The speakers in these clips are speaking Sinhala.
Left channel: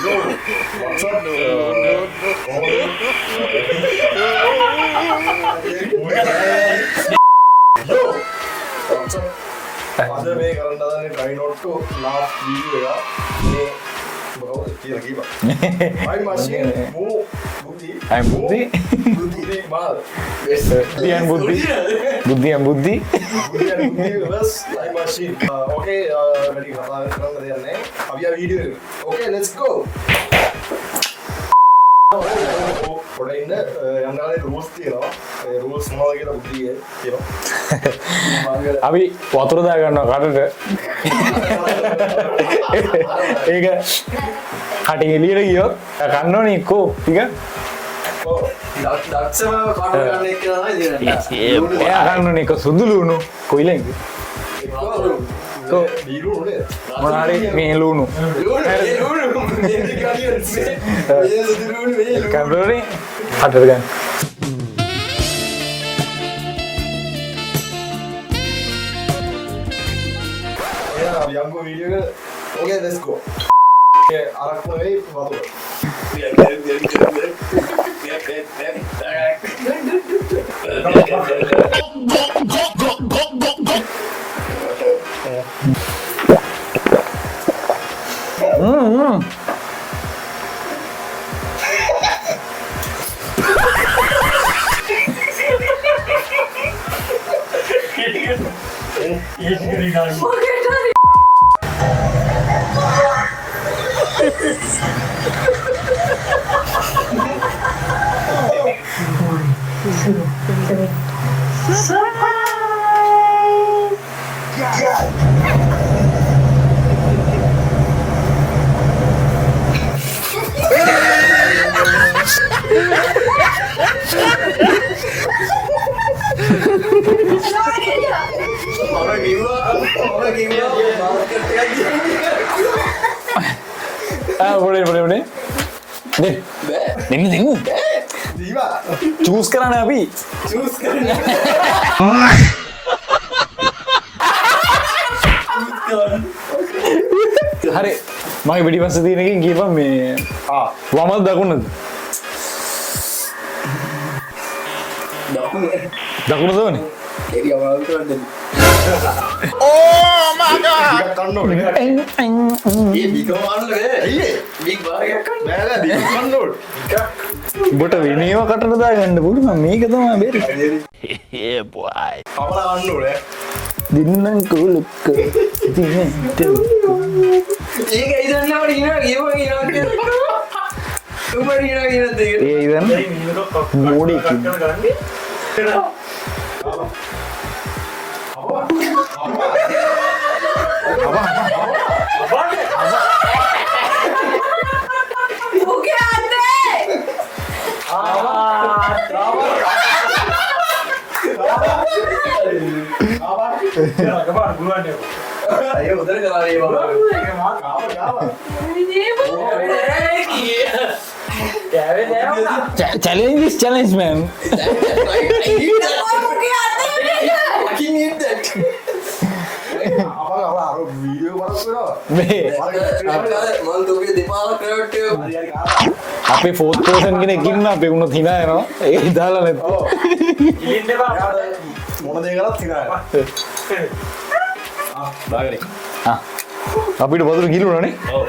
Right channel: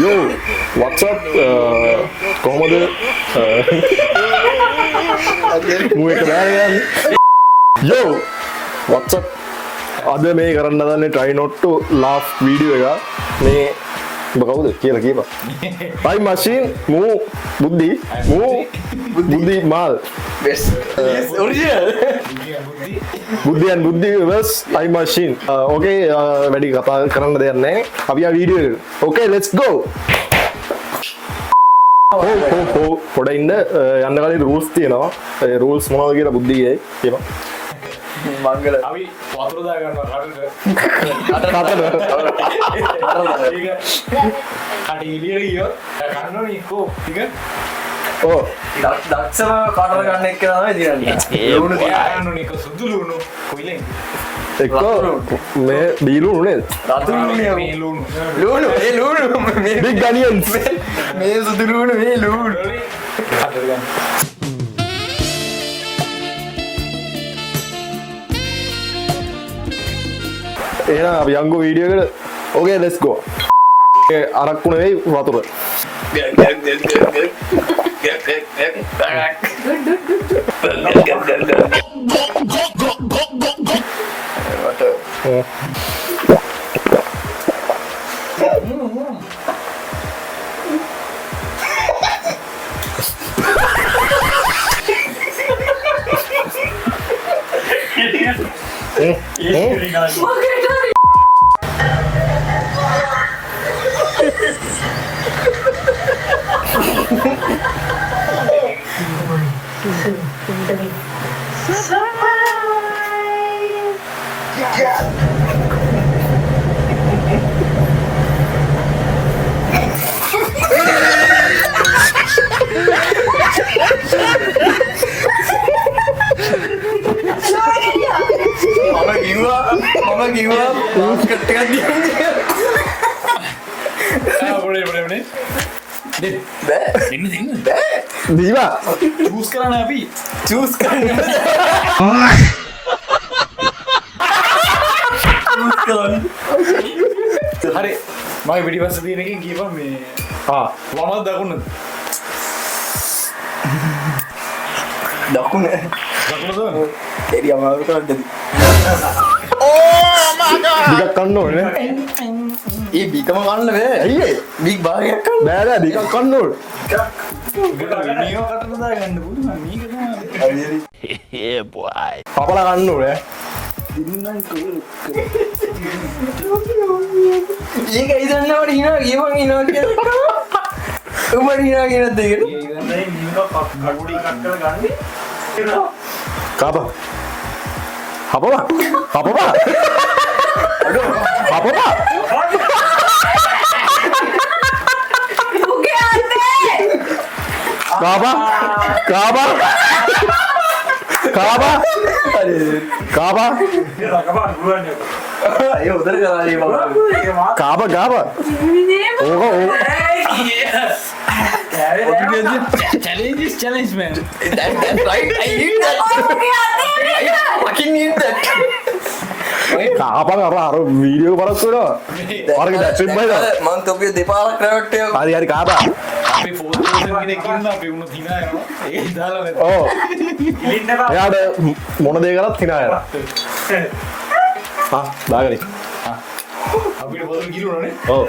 Yo, what's up? කොහොමද? Yo, what's up? අද මේ කරන්න හදන්නේ try not to laugh video එක. මේ ඔබ කවුද කියලා කියපන්. time machine මූ බුද්ධි බුද්ධි මාල් බුද්ධියන් බුද්ධි versus time machine. okay වැඩි කතා කරන්න දෙයක් නැහැ. අපි ආ වීඩියෝ එකට. okay let's go. පොඩ ඉන්න යන්න කලින් rules තියෙනවා. ඒ rules මොනවද කියලා බුද්ධියේ කියනවා. මංගල අපි වතුර දා ගන්නවා කටට. ඒක කටේ එළියට ගියොත් කන්න ඕනේ එක්කෝ ටික. ඔව්. දක්ෂම කටට ගන්න එක තමයි දිනන්නේ. ලුණු ගන්නනේ එක සුදු ලුණු කොයිලෙන්. එක්කෝ මේ දීලුණු නේද? මේ ලුණු. big onions. මේ සුදු ලුණු මේ ලුණු. කටට ගන්න. එහෙනම් අපි යංගු වීඩියෝ එකට. okay let's go. අරක්කු නෙවෙයි වතුර. දීවා චූස් කරන්න අපි චූස් කරන්න. හරි මගේ පිටිපස්ස තියෙන එකෙන් කියපන් මේ වමද දකුණද දකුණ දවනේ එරි අමාරු කරන්න. ටිකක් කන්න ඕනේ නේ. ඒ බිකම කන්න බෑ. ඇයි ඒ? බික් භාගයක් කන්න. බෑ නෑ ටිකක් කන්න ඕනේ. ඔබට විනියම කටට දාගන්න පුළුවන් මේක තමයි බෙරි yeah boy. පපලා කන්න ඕනේ. දින්නම් කුලුක්ක ඒක ඉදන්නවට ඉනවා ගියම ඉනවා කියලා. උඹට ඉනවා කියන දේ. ඒ ඉතින් Modi කාපා. පපලා. පපලා. පපලා. Kaaba, Kaaba, Kaaba, Kaaba, අයියෝ උදේ ගානේ බබා. Kaaba, Kaaba. challenge man That's right. I need that. I fucking need that. Kaaba අර වීඩියෝ බලස් වෙනවා. ඔයාලගේ දැක්සින් බලලා මම තෝගේ දෙපාරක් රැවට්ටේ. හරි හරි Kaaba. අපි 4th person කෙනෙක් ඉන්නවා අපි උනොත් hina යනවා ඒක දාලා නැත ඔව්. එයාට මොන දේ කරත් hina යනවා. දාගරි. අපිට වතුර ගිලුණානේ ඔව්.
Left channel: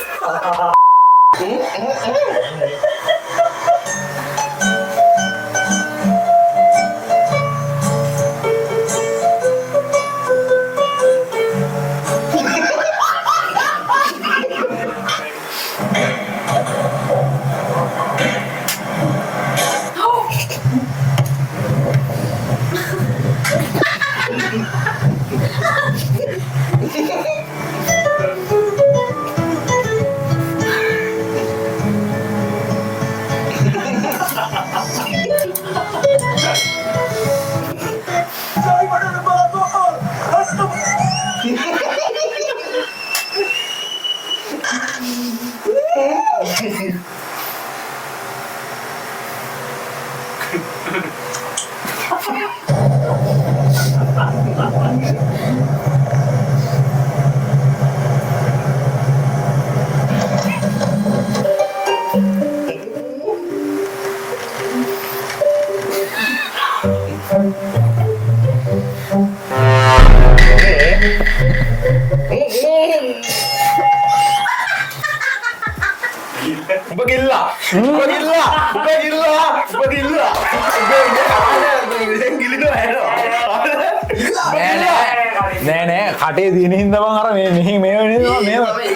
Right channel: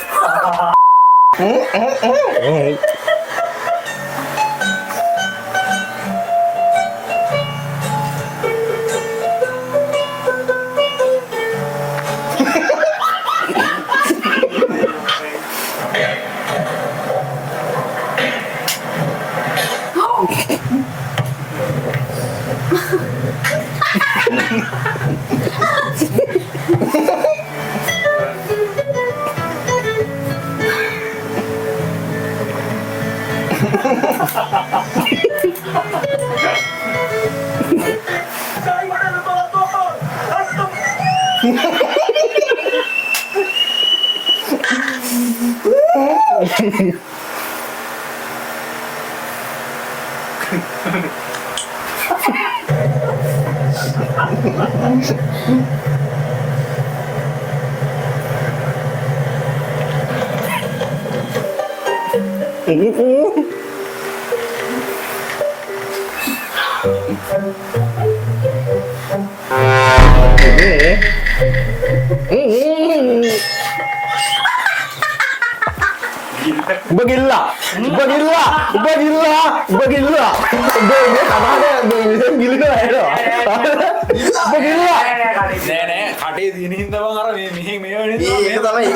උඹ ගිල්ලා උඹ ගිල්ලා උඹ ගිල්ලා උඹ ගිල්ලා ගිලිනවා ඇහෙනවා උඹ ගිල්ලා නෑ කටේ තියෙන හින්දා මං අර මෙහි මේ ඒක තමයි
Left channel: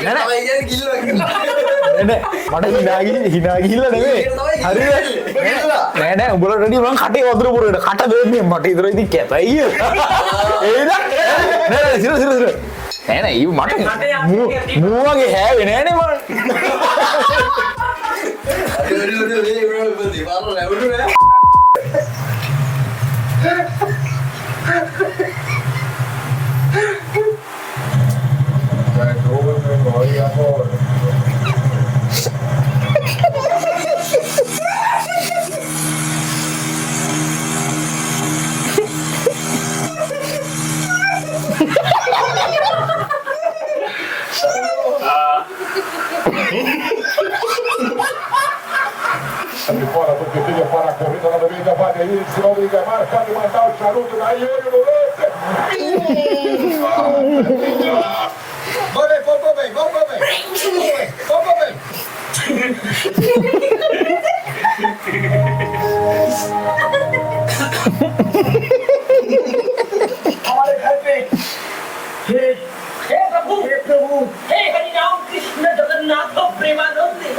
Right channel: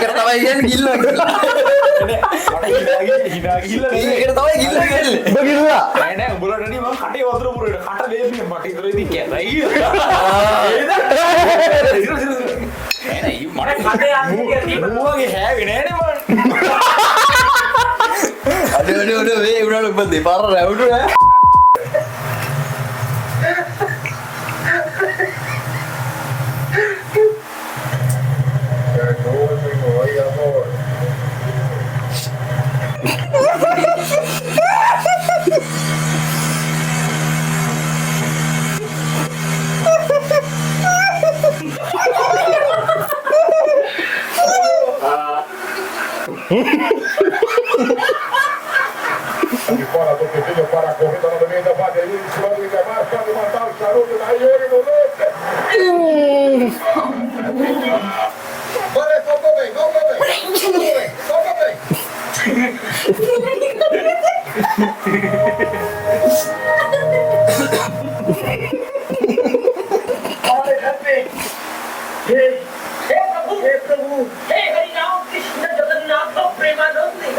කියන්නේ ගිල්ලා කියලා. මට හිනා ගිහිල්ලා නෙවෙයි ඒක තමයි ගිල්ලා කියන්නේ. උඹ ගිල්ලා නෑ උඹලට වැඩි මං කටේ වතුර පුරේට කට දෙන්නේ මට ඉතර ඉතින් කැතයි ඒද සිර නෑ ඊ මට මුවගේ හැවේ නෑනේ මම අඩ වේ උනාට උඹ දෙපාර රැවුණා. Fora do Pedrinho para a corrida novamente, Wagner, Liga marca de mandar o charuto da Yuri no lance. Valeu, voltou bem. Olha, Cadê? Hey, Prabhu. Hey, Harinam Krishna Jagannatha Premanande.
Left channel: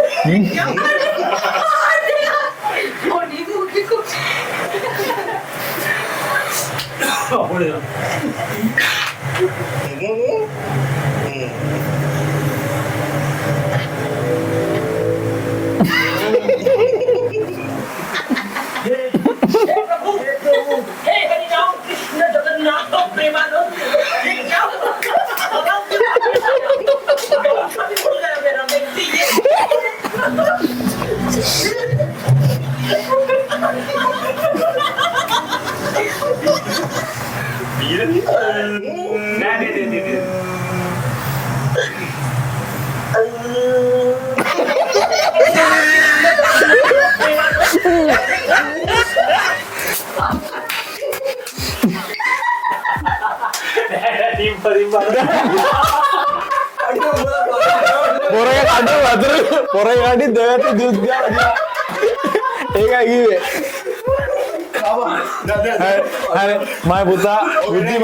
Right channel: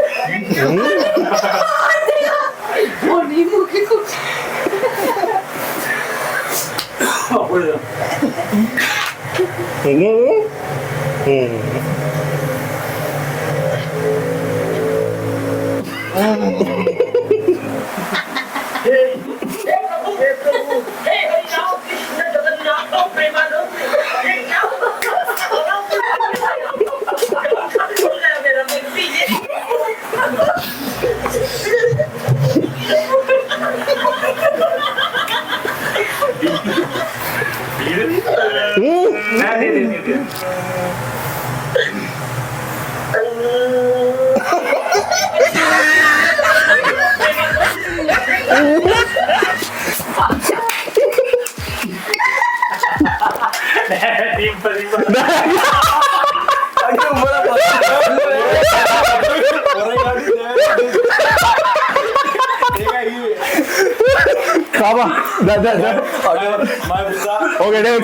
මයි පුතා ඔගෙඩේ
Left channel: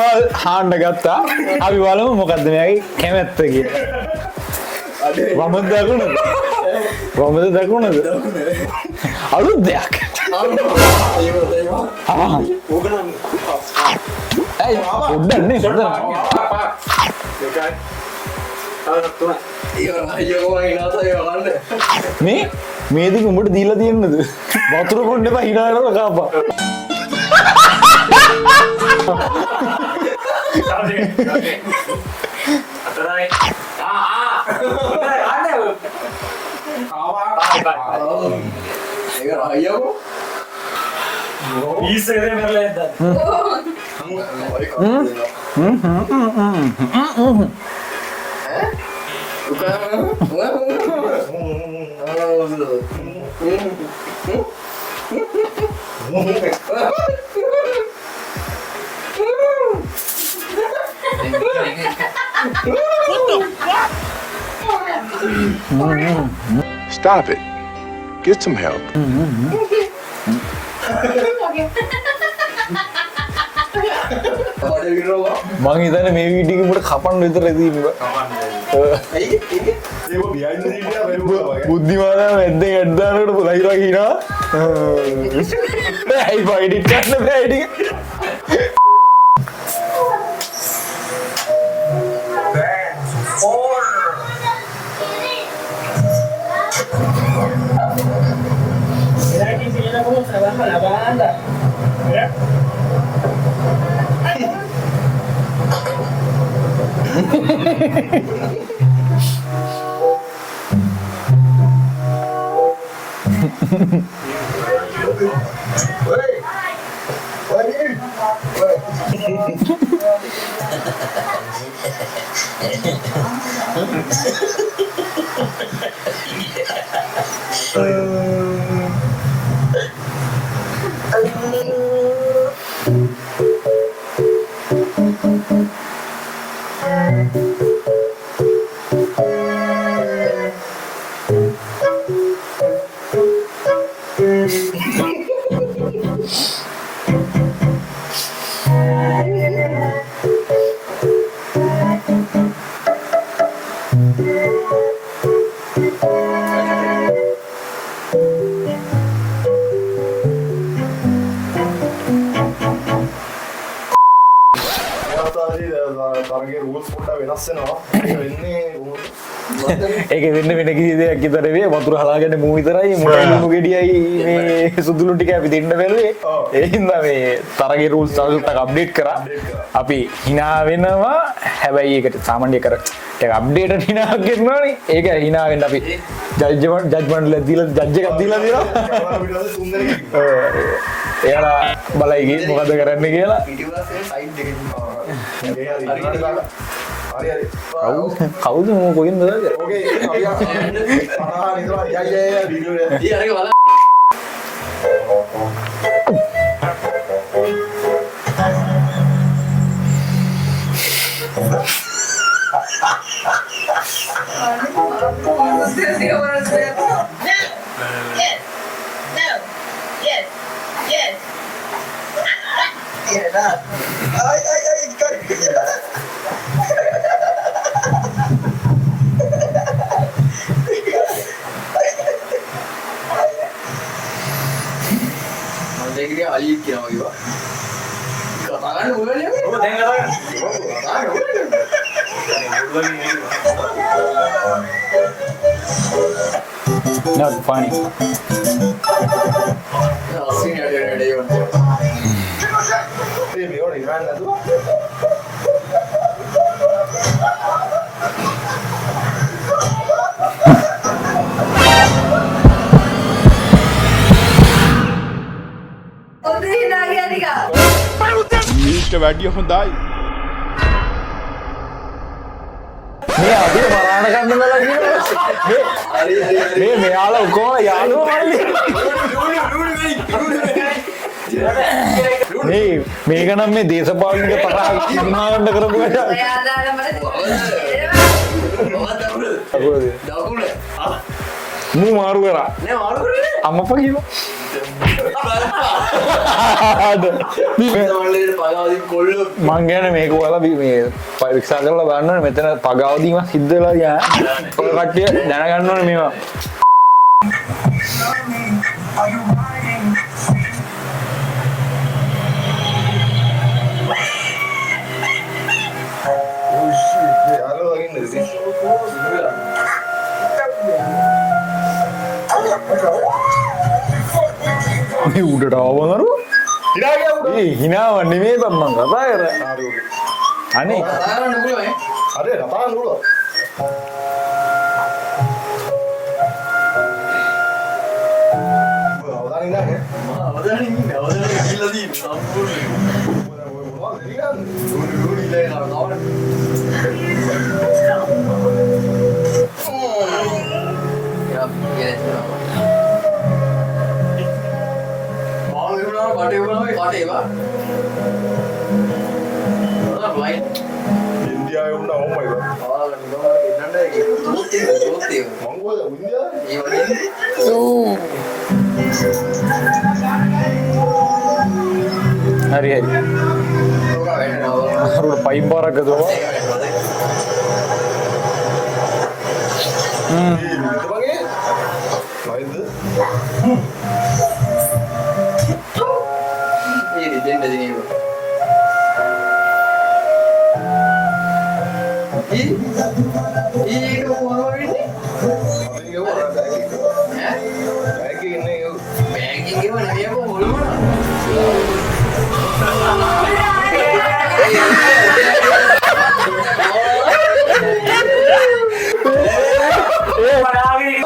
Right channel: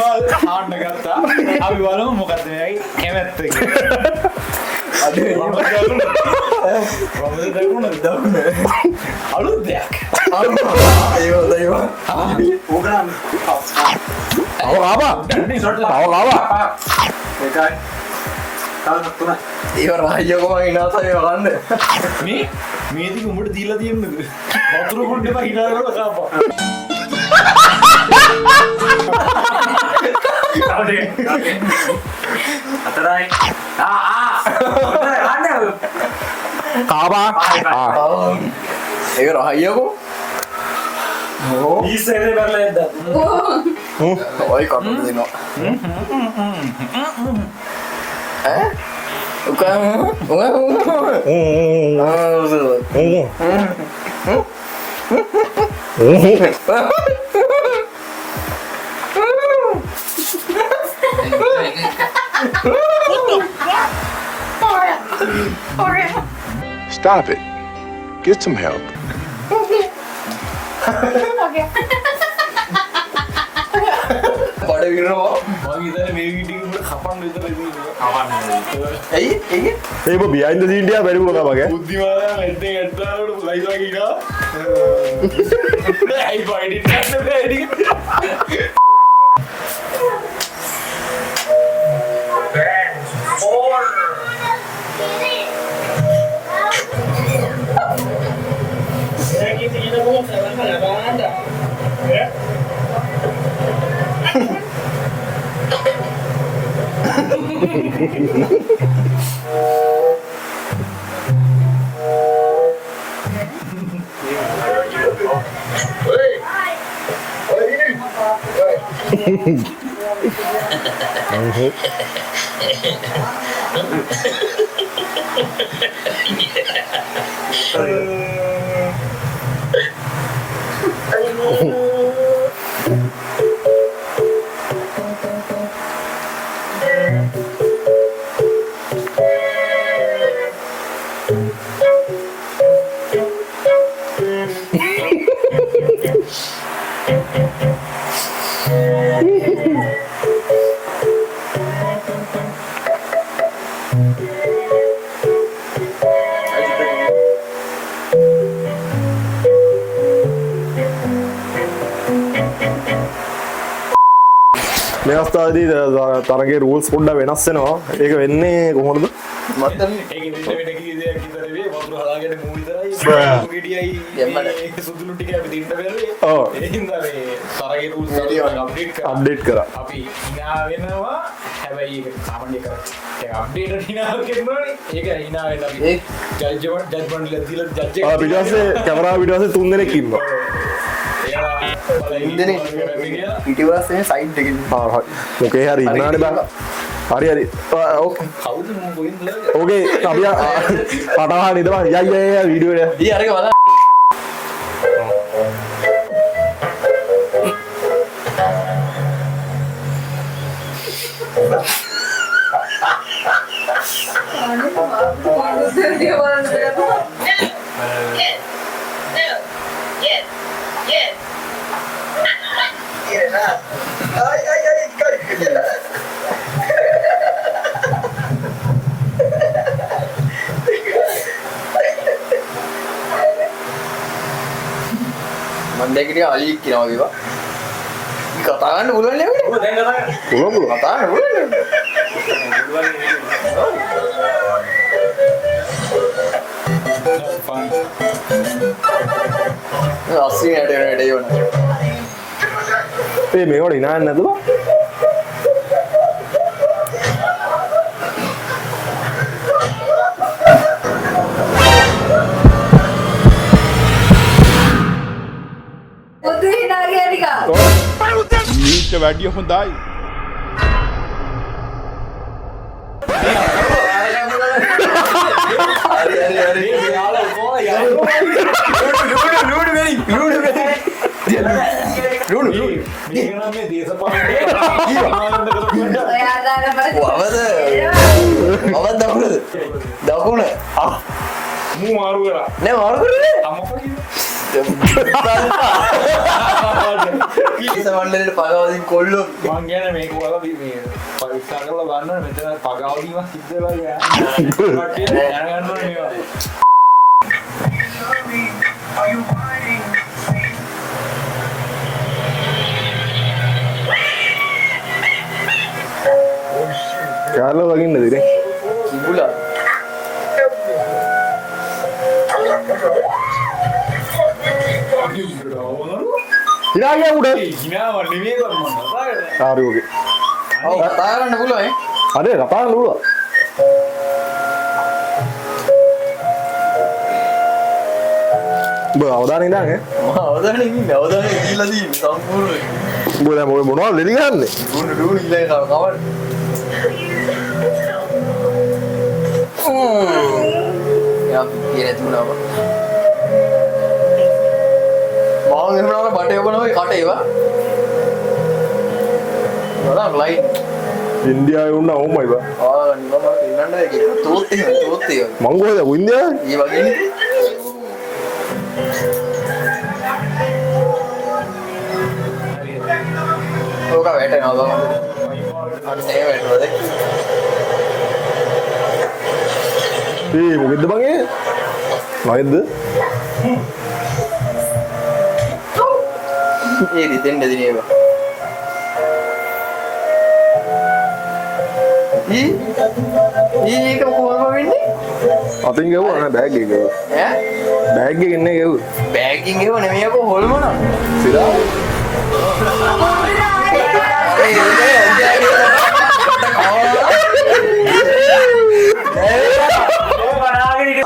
හාන්ඩ ගත්තා අපි බලමු මොකක්ද මෙයාගේ කැමැත්ත කියලා. මම දැකුණද අලුත් දෙයක් මේ දික උඹට දීලා තියෙන්නද වතුර කොණ්ඩ එපා හිනා කරලා කාපා. අතරයි කාපා ඒක රහයියකෝ. ඊසෙනේ බලලා ඉද්දා ඔය කන්න දෙනවා. ඈ? Stop it. Get some help. බඩ විරනවා. මං හිතන්නේ මේ වීඩියෝ එක උඹට කපන්න විතරයි තියෙන්නේ. ඇයි ඒක? ඒක behind the scene එක බැරි වුණා මගේ බුද්ධිමාන ඇද්දෙන් ඇද්දානකට ලයිලා කියනවා. ඇයි බෝ එඩිට් කරන්න බෑ එඩිට්. තරගේ රූල්ස් පොඩ්ඩක් වෙනස් වෙනවා. ඒක වෙන්නේ කොහොමද? ඒක වෙන්න වෙන කිසි දෙයක් විතර වේ වතුර හදාගන්න මූ විතරයි මේ ගෙඩියයි මේ සුදුලු ටික අපි දෙන්න බැලුවේ. ඒ හින්දා මේ තරගේ රූල්ස් අප්ඩේට් කරා. අපි hina වෙනවා. හැබැයි ඒකට සාමාන්‍ය කර ටික අප්ඩේට් hina කරනවානේ. ඒක hina වෙන්න අපි ජජ්මන්ට් ලක් දීලා ජජ් එක දීලා කැමරාව පිටපස්සේ 3 දෙනෙක් ඉන්නවා. එයා බලයි මොකද කරන්න කියලා. පිටිපස්සේ සයිඩ් එකේ මොකේ හරි ඉන්නානේ බං. හරි. කවුද මම කොහෙන්ද? ඕකේ අපි පටහන් ඉදවා යා වීඩියෝ එක. ඊ අරක බලන්න මන්දේකිරිය අලි කියනවා වගේ බා කතා ගන්න පුළුවන් නේ ඔය දැන් කතා කරන්නේ. පුළුවන්. කතා ගන්න පුළුවන් No, funny. අස්සින් ඇඩේ වුණා ඒ මේවට ඉනාන්නේ නැතුව ඊට වැඩිය හොඳයි. මෙයාලා කොහොම මේක නම් මේ දේශපාලන නිර්මාණය කරපු එක. දකුණ මූ මාරු කරා. නෑ මාරුනේ අම්මපා කිව්වා. මණ්ඩලේට පගාවදින් කොල්ලෝ මං ගැන මේක ඔයාලා මේ පරීක්ෂා කරලා බලන්න ඕනේ මෙතන පගාවදීම සිද්ධ වෙලා යා. කට්ටිය දැනගන්න ඕනේ මේවා. යාළුවා දකින්නද ඉතින්? කිඹුලා මේ උඩට ආවමනරු. ඉරාගේ උඩ. හිනාව නෙමෙයි මම කතා කරන්නේ. හරි ඕකේ. අනේ කතා කරන්න පුළුවන් හරි කතා නූලා. බෝ අවදාන ඉඳාගේ. අවදානේ ගිහිල්ලා තියෙන සම්පූර්ණ මොනවද දෙලි ගන්නේ? නුනු ඉල්ලේ කවන්න යා පිටියේ තුනව බාල් වෙනවා බඩේ වුණා මේ කටේ වා නඩක් ලයිට් ඉන්දියාවේ වුණා ඕමයි බා. නිකම්ම ඉන්නන්නේ තෝත්තේ මං කොහෙද ඉන්දියාවේ? ඒ වගේ හරි හරි. ලෝක වැටෙනවා අරුණ පයින් පාරක් ගදෝ. ඒ වැටෙනවාද ඒ මොකද බං ඒ? නයිද? ඒ දෙන්න දෙන්නේ ඒක මොකක්ද වෙන්නේ අතින් ගෙවුවා නෑ බෑග් එක ගෙවුවා. ඈ බෑග් එකේ ඉන්නේ ගෙවුවා. බෑගින් එක නෙමෙයි අකෝ හොල්මන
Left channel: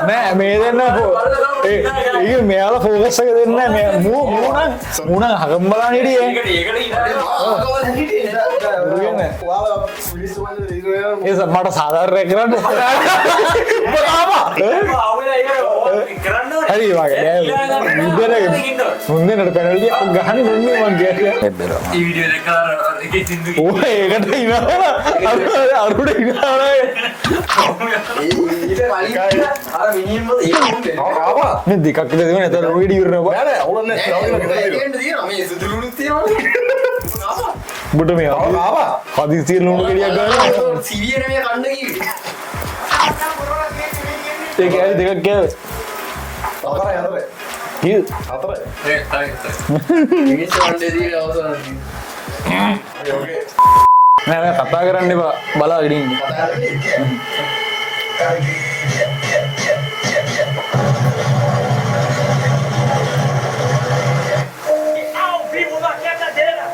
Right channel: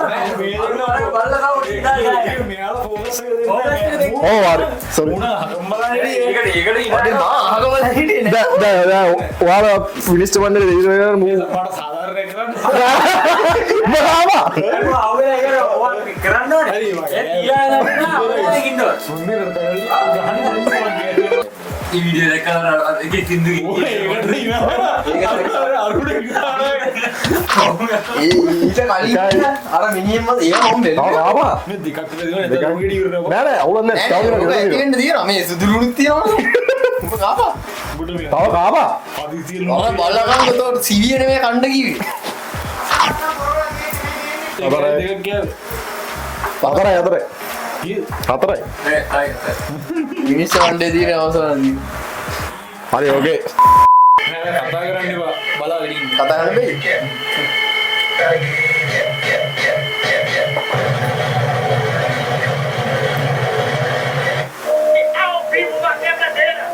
නෑ මේ දෙන්න ඒ මෙයාලා ෆෝකස් එක දෙන්නේ නෑ මේ මූ මුණ හගම්බලා හිටියේ ඔයාලා මිනිස්ටර් මණ්ඩලේ දෙවියන් මේ මට සාධාරණයක් කරන්න හරි වගේ මුන්දනට පැනල්ටි ගහන්නේ මුන්නේ මං ගියා ఈ వీడియో දැක්කම එකේ සිද්ධු ඕ ඒකට ඉනවා අරුඩ ඉනවා ඊට කලින් අර මිනිහෙන් මත ඒක හොම්බේ ආවා. මේ දෙකක් විතර දෙනවා නැත්නම් රොගෙඩි ඉවරනවා නෑ නෑ අවුලක් නෑ. ඩවුන්ලෝඩ් කරලා ඒකෙන් දිනවා මේ සුදුලුණුත් තියනවනේ උඹ ආවා ඔබට මේ ආවා. පදිසිය ලුණු බලන්න සිවිය නෙමෙයි කණ්ඩ කිව්වේ ඒක හරි දෙකක් ගෑවේ හතරයි. කී හතරයි. මිනිස්සු කණ්ඩේ දින අවසානදී හරි ඕකේ. නෑ කතා කරන්න එපා බලාගෙන ඉන්න. කතා කරන්නේ. Ao vivo na quebradeira!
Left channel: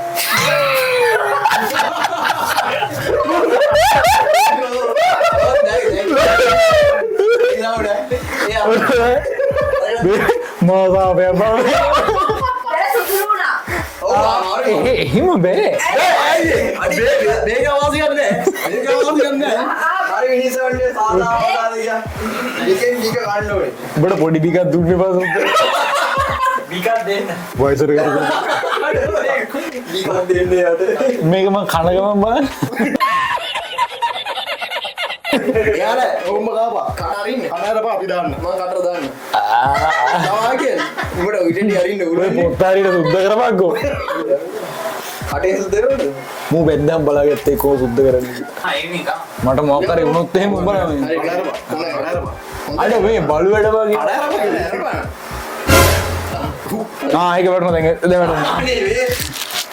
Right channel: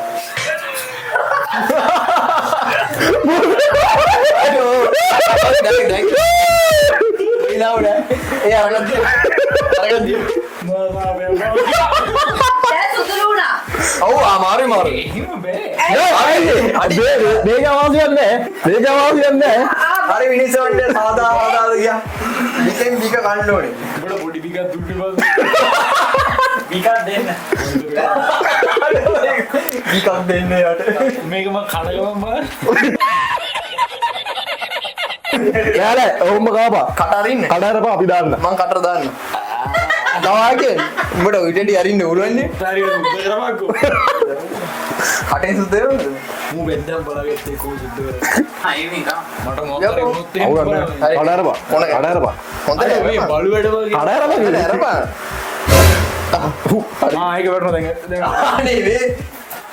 එහෙම බෑ. උඹට පොඩි බිකක් දුන්නේ පස්සේ විකත් දෙන්න. වයසට කරගෙන මේක මං කන ගමන් බලන්න. නෑ ඔහොම කාපා කටරින්න කඩාරපා අපි දාන්න මං කටර දාන්න දවාගේ උඹට උඩට අරින්න උරුවන්නේ පොත්තාරියට සුද්ධ කරපක්කෝ. කටේ සුද්දේ මූ වෙන්දම් බලාගත්තේ කෝ සුද්ධ කරන්නේ. හයි නිකන්. මට මොකක් හරි වුණොත් එහෙම බලන්න. කඩාරපා කඩාරපා අර මේ බලුවට වගේ. කඩාරපා කියන්නේ අරපා ඒක වටන දැන් අනේ මේ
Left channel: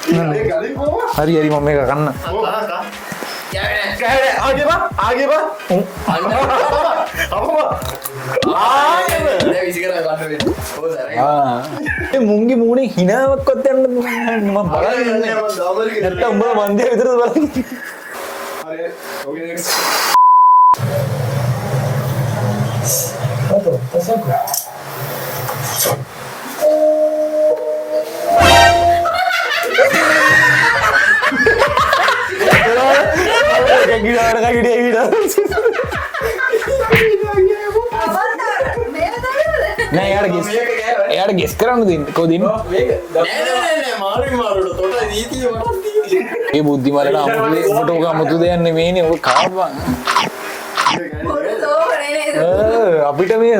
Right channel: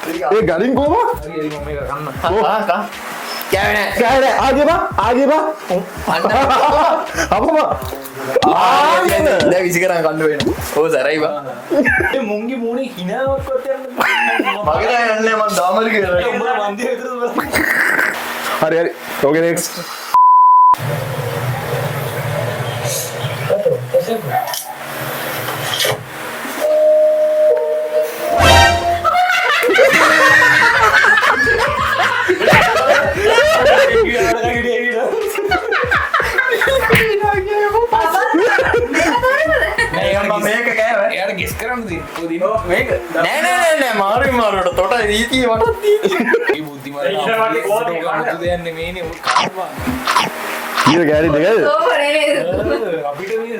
ඒ ගලින් කොහොම හරි හරි මම මේක කන්න. කා කෑවේ කෑනේ ආගෙපා අපම දැන් විසි කරන් කන්න වෙන්න ඕ සරයි ඒ මුංගි මූණේ හිනාවක්වත් යන්න මම මගලා යන්නේ මම දාමල කියලා උඹ මන්දිර විතරද බලන්නේ. හරි ඕකේ නෙක්ස්ට් මේක කෑවේ එයාට ගෙස් කරන්න දෙන්න කොදින්න මේක නෑ මාරුවට තොට රීතිය වටත් ඒ බුද්ධිමත්ලා අමුතුට ඔක අමුතු දෙයක් නෙමෙයිනේ ඔක කාපන්. ඊට ගෑරි දෙකද අපිට මේ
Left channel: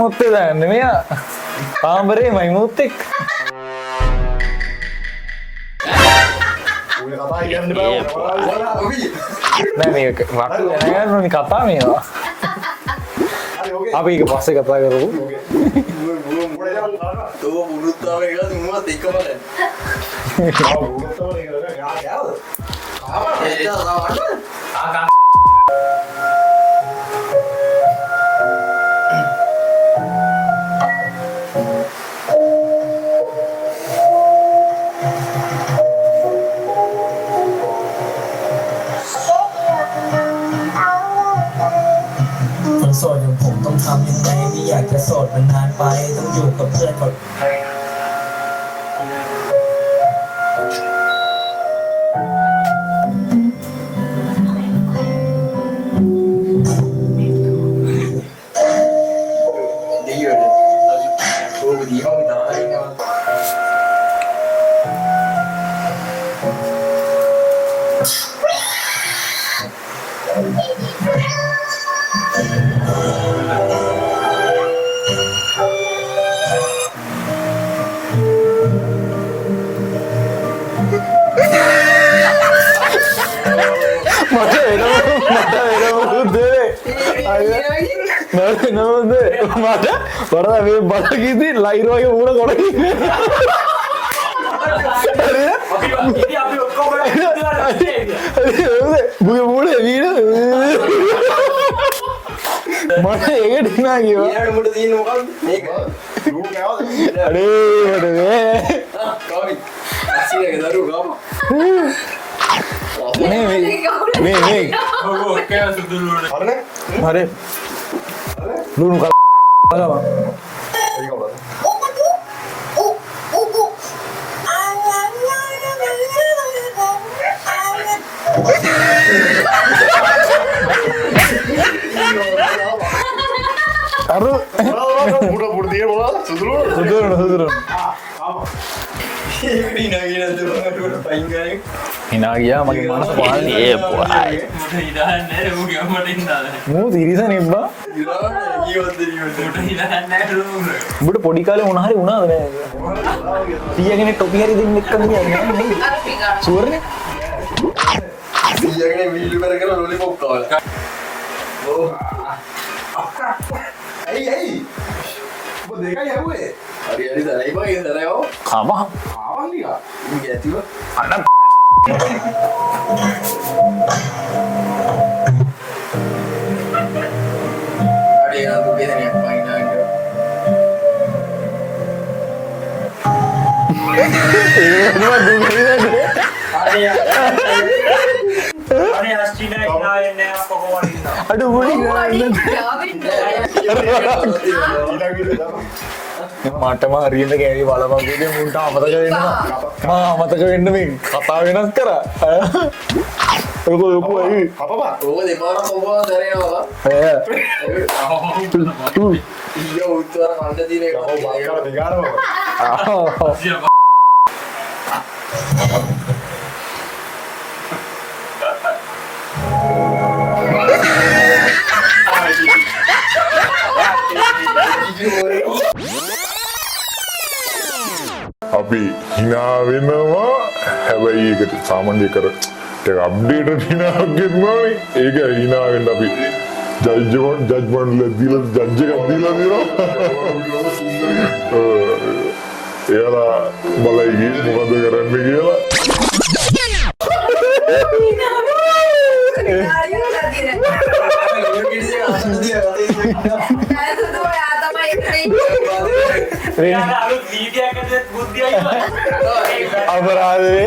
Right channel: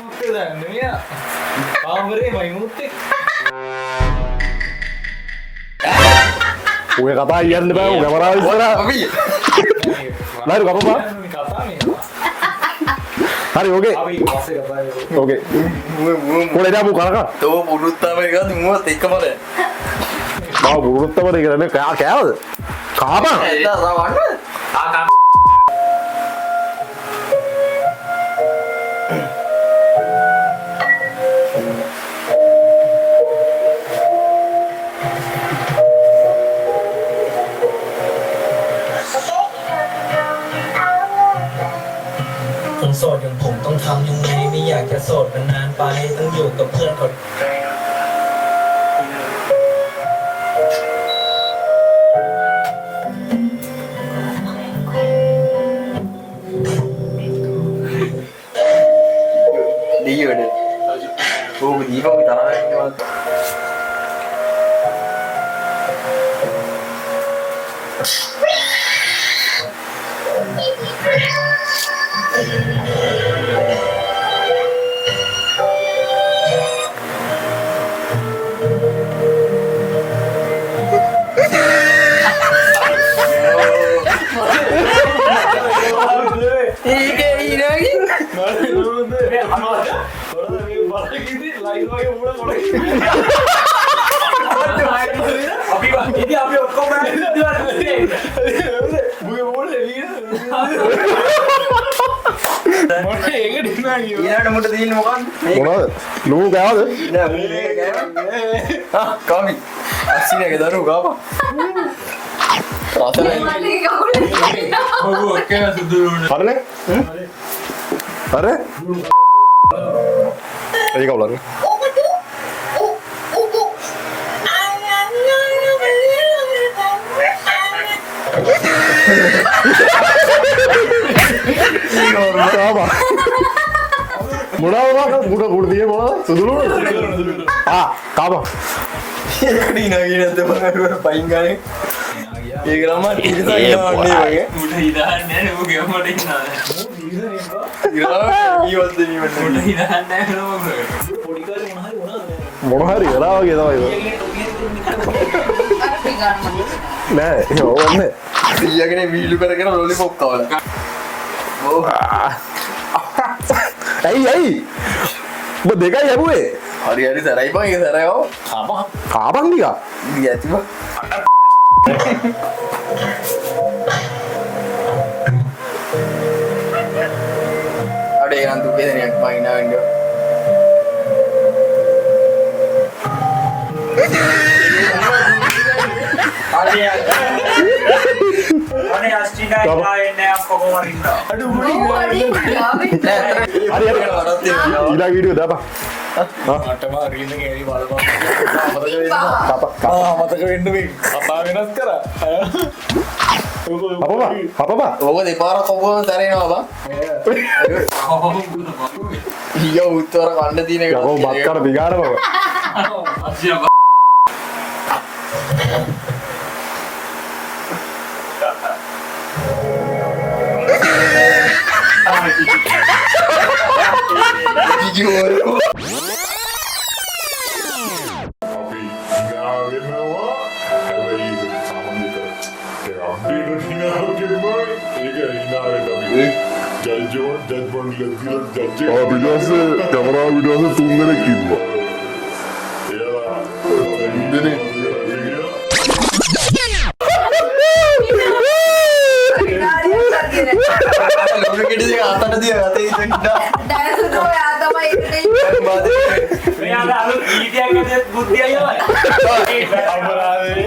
මොත්තේ දාන්න මෙයා පාම්බරේ මයි මොත්තෙක්. ඔය කතා කියන්න බෑ ඔය වරාල් ඉස්සරහ අපි නෑ මේක වලට කතා මේවා. හරි ඕකේ අපි ඒක පස්සේ කතා කරමු. ඕකේ කොලේ දාපු කරක තෝ පුරුත්තාව එක දුමුවත් එක්කමල ආ බුරුත්තවර කරන්නේ කෑවද කාපා එන්න රවන්න ආකා.คนโสดอย่างผมต้องทำยังไงไม่อยากจะโสดมันนานไปต้องอยู่กับเพื่อนเขา ดีอยู่เนี่ยโอ้ดีเข้าไปตาย බලගීති ලයිර් වගේ මූණ කොටි ඉතින් අපි ඔක්කොම මුගේ මූණ වීන මට ඒකට නා කියව ඊළඟට මුට තියෙන්නේ මොකක්ද මේක මොනවද ලූ ගාවද කවි අස්සිනගේ දරුවෝ ගාපා මේ ඔව් ඔක්කොම සුදුරුනේ. හරිනේ හරි හරි ලුණු ඒක උලන්නේ අර මොනවද මුඩ දියේ මොනවද සුදුරු කාපා ඉකඩි නගින දෙවකට පයින් ගානේ හිනා ගියා මගේ නම මුට ඉදාන්නේ නැහැ ඌ ගමට ඉන්නවා. මූ දිරිසන ඉබ්බා. ඊවත් දෙනිවට මුට ඉදාන්නේ නැහැ ඌ. උඹට පොඩි කාලේ මොන හරි වුණාද නෑ මොන හරි වෙලා වගේ තමයි ඊයගෙන ටොපි හරි දෙන්න එක්කම ෂුවර් නෑ ඒක ඕන්නේ ඊයගෙන වීලු කර කර ලොලිපොප් කවලා ඕ ඇයි ඔබ දෙකයි යපුවේ හරි හරි සරයි බං ඒ සරයෝ කම කාපන් නිකා යතිව Ada yang ngantuk beda nih mainan gitu. අනේ අස්ටිනා ඉන්නවා එන්නේ අප්පෝ කොහොමද ඉන්නවා Aduh, udah. ඊළඟ වීඩියෝ දාපන්. මටම හරියට කෑවි බලපන් මතක වෙන්න. මතක වෙන්න මේ කතා වෙනස් කරා. අපපා. Oke, di parah kau tarik apa? Iya, utuh orang anda di negara. යකෝ බත් කර දිගාරනවා. සියම අපි hina වෙනවා හැබැයි ඒකට සාමාන්‍ය කර ටික අප්ඩේට් hina ගෙන්නනනේ ඒක hina වෙන්න අපි ජජ්මන්ට් දීලා ජජ් එක කැමරා වීඩියෝ එක 3 දෙනෙක් ඉන්නවා එයාලා බලයි මොකද කරන්නේ කියලා Kalau kita dia atas dia kata යාලා අලුත් වීඩියෝ එකකට බුද්ධිය අයියෝ අපරාධේ.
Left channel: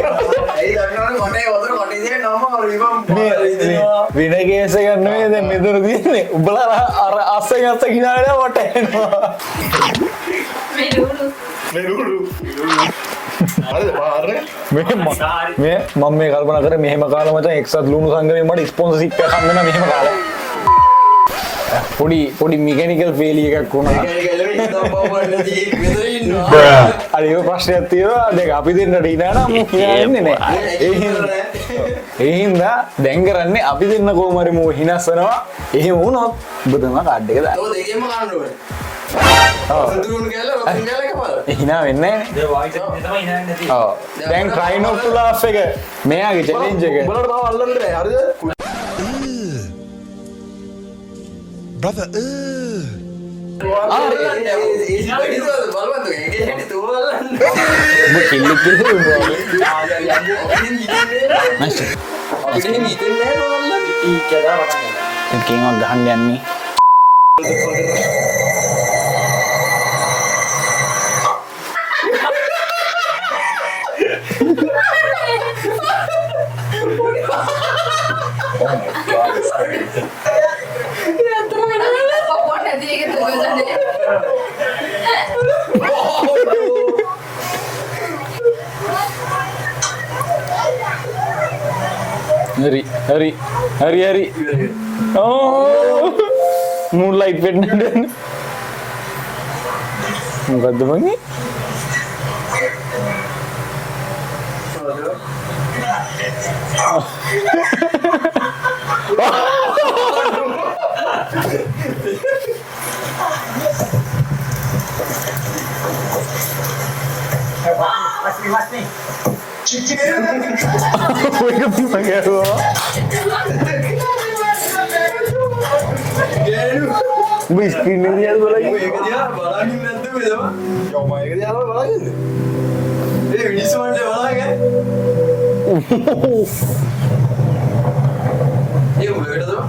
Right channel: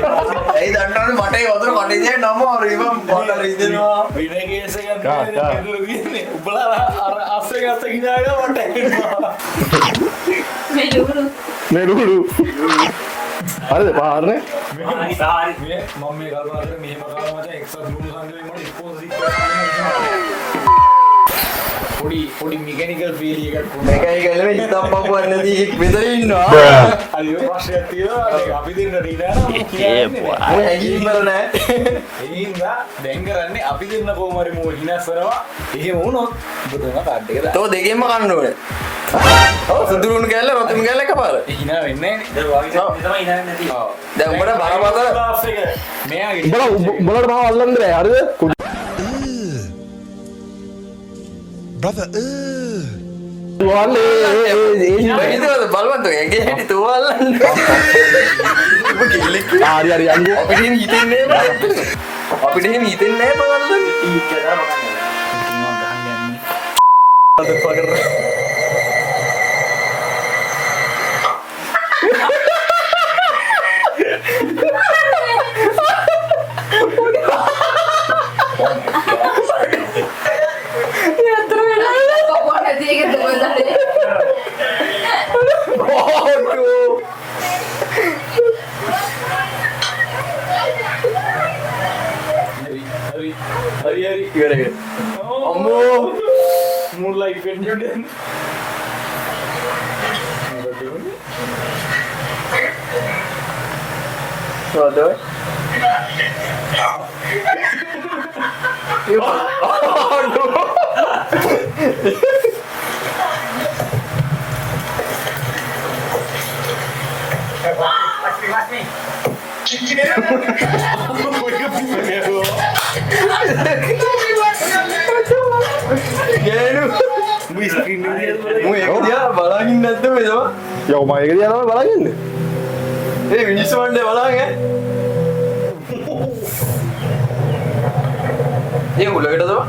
Ini dandan mata yang otak mata dia nama orang imam pakai itu. වින කේස ගන්න දැන් මෙතන තියෙන්නේ. උඹලා අර අස්සෙන් අස්ස ගිනාලා මට එනවා. මේ නුඩු. හරිද පාරනේ? මේ මම මේ කල්පනා කරේ මෙහෙම කාලා මචං එක්සත් ලුණු සංගමේ මට ස්පොන්සර්ෂිප් එකක් හම්බ වෙනවා මෙහෙම කාලා. පොඩි මෙකැනිකල් ෆේලියර් එකක් වුණා. Kayak kalau hitam bawah nanti bedain no. අර ඒක ප්‍රශ්නයක් තියෙනවා. දැන් අපි දෙන්නට ඉඳලා නම් කියන්නේ නෑ. ඒ හින්දා දැන් කරන්නේ අපි දෙන්න කොහොම හරි මෝ හිනස්සනවා. එහෙම වුණොත් ඔබ තමයි කාඩ් එක දාන්න. Tuh degem makan dulu. Sedulur gala, rotun gala kepala. හිනා වෙන්නේ නෑනේ. ඒ වයිස් එක තමයි ඉන්නේ නැති Oh, dah pernah primer kalau ලාස් එක මෙයාගේ challenge එක. උඹලට මාව අල්ලන්න බෑ හරිද? Brother, itu balwan tuh kayak gitu tuh balwan. හරි යන්නේ. Ini hitin nih. Apa dia hitin nih balwan? Iya dah. කේමක් ගහන්න යන්නේ. Hari. Oh, moonlight වෙන්න. මොකද්ද මන්නේ? Waduh. Wih, screen dia Oh ya dia balangin dah tuh itu. යෝ මම ඒක දිහා තමයි බලන් ඉන්නේ. Ini semua dia balangin. Ini udah kita tuh.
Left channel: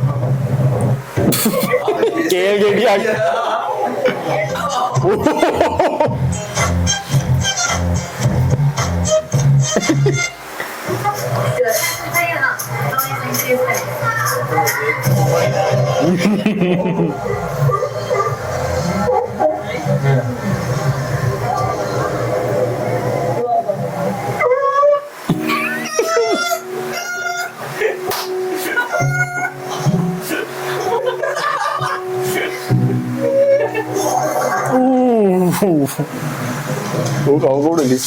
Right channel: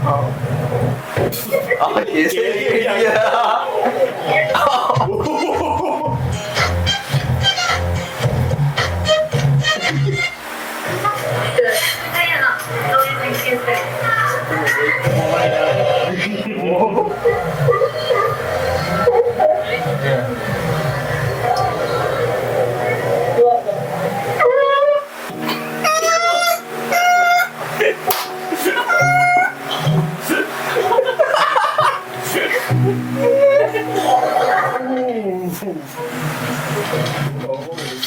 Kau udah gitu.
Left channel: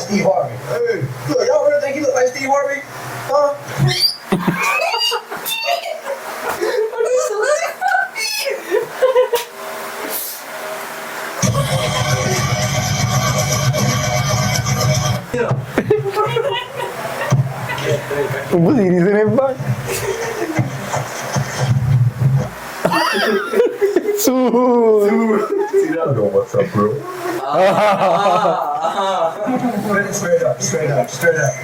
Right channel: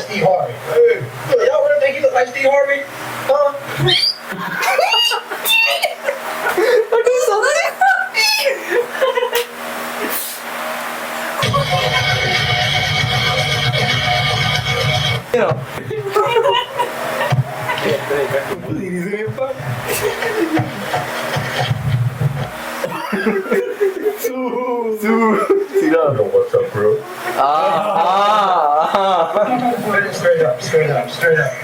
Steve Harvey. Hey, look, y'all really think he look Like Steve Harvey? Huh? Aduh, saudara. උඹ සිරිසනේ බා Yo, what's up, bro? Straight up, straight up, straight up.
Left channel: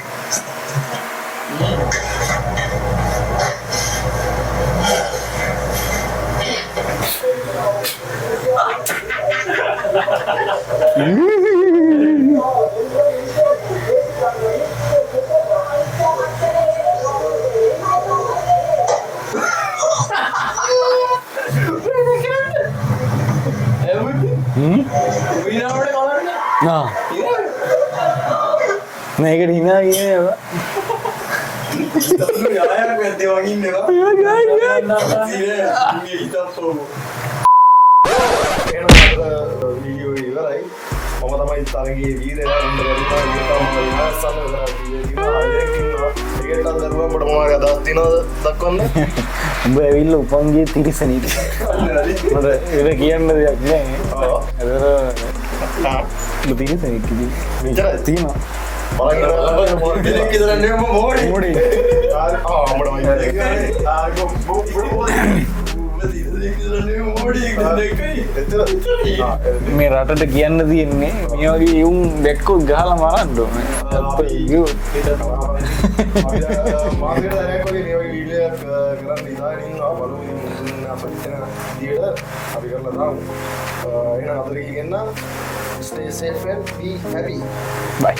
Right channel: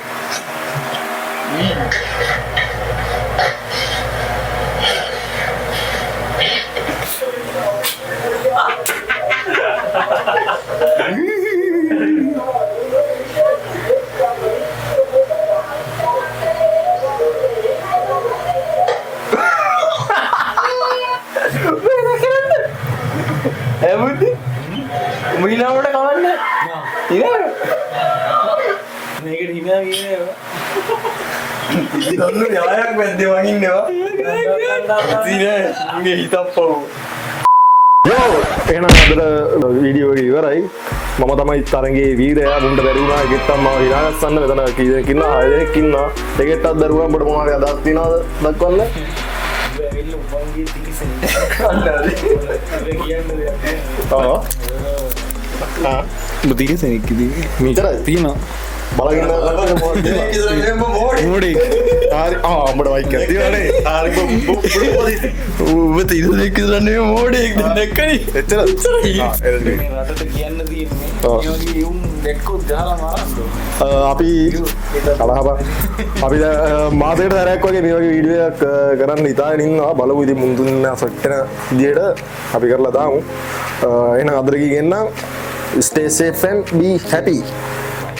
මීනාවට කවන්න නා මේකට හිනා කියනවා දන්නු යායක් මැද්දේ වගින්නවා මේ හිතක් පව් එහෙනම් අද වීඩියෝ එක ඉවරයි. මම තමයි තරගේ වීරයා මුන්ට බැරිුණා ගිත්තම් මාව විනාශන්න වෙදනා කීයක් ඉන්නවා 6 දෙනෙක් ඉන්නවා. දෙකටත් දරුවන් පොඩ මොනවාරි අදහස් තියනවද දක්වන්න? උඹ ඇවිල්ලා උපන්ගේ තිරිසනීට මට ඒක කියන්න දෙයක් නෑ උඹ තිරිසනෙක් ඉතින් මෙච්චරයි තියෙනවා බලන්න දෙනෙක් ඉදලා නෙම්ම මෝඩි මොඩේ අපිට වයික් කරලා තියෙනනේ. උඹ තිරෙක් ඉදලා නෙම්ම මෝඩි දෙන්නකනි එච්චර මේ රටට කියන්න තියෙන්නේ මේ වගේ යුම් දැක්කොත් ගහලා මරන්න ඕනේ. අපි කලාප අපි මාසෙකට දැනක් වගේ මේ වගේ වීඩියෝ එකක් කරන්න හිතාගෙන ඉන්නවා. බලමු ඉතින් මුන් දුන්න සෙට් වෙන විදියට අපි කරලා දාමු. එහෙනම් අදට කියන්න stay safe and be happy. Bye